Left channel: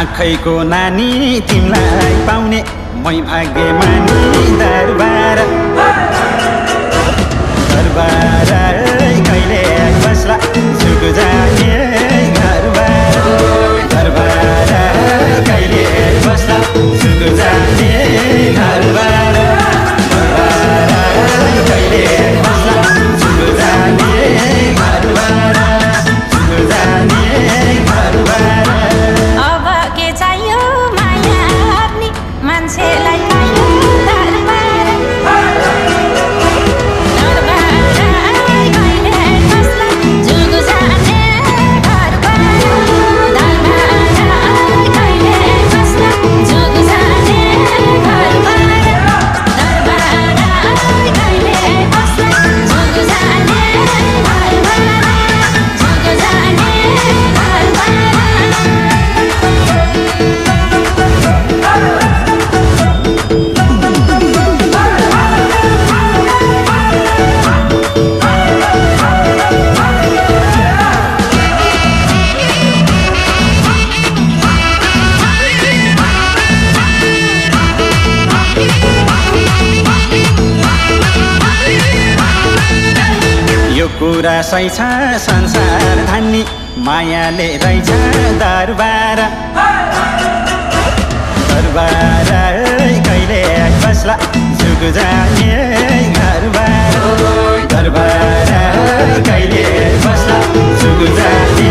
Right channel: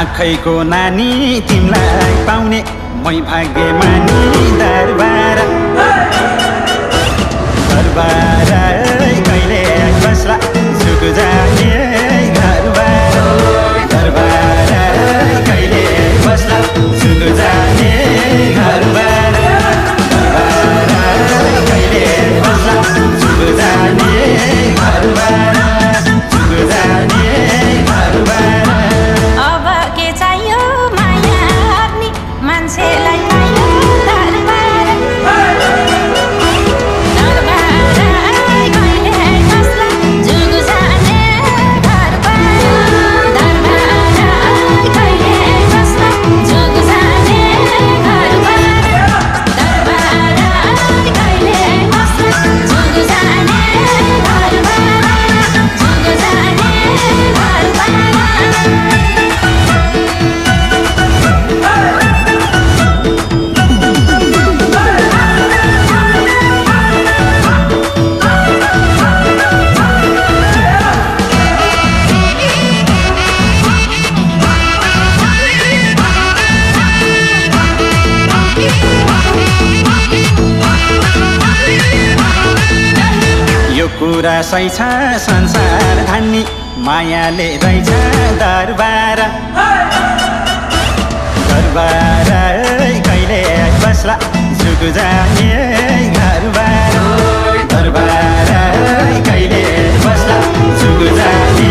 आँखैको नानी तिमलाई पाउने मै भाग्यमानी दरबार दरबार कहिले बस्ला झुक जाने घरबार दरबार कहिले बस्ला झुक जाने घरबार दरबार कहिले बस्ला झुक जाने घरबार झुक जाने घरबार अब के चाहियो माया गर्ने मान्छेलाई पायो दरबार दरबार कहिले बस्ला झुक जाने घरबार दरबार कहिले बस्ला झुक जाने घरबार दरबार कहिले बस्ला झुक जाने घरबार झुक जाने घरबार यो कुरा सही छ संसार धान्नी मायाले रहेछ दरबार दरबार कहिले बस्ला झुक जाने घरबार दरबार कहिले बस्ला झुक जाने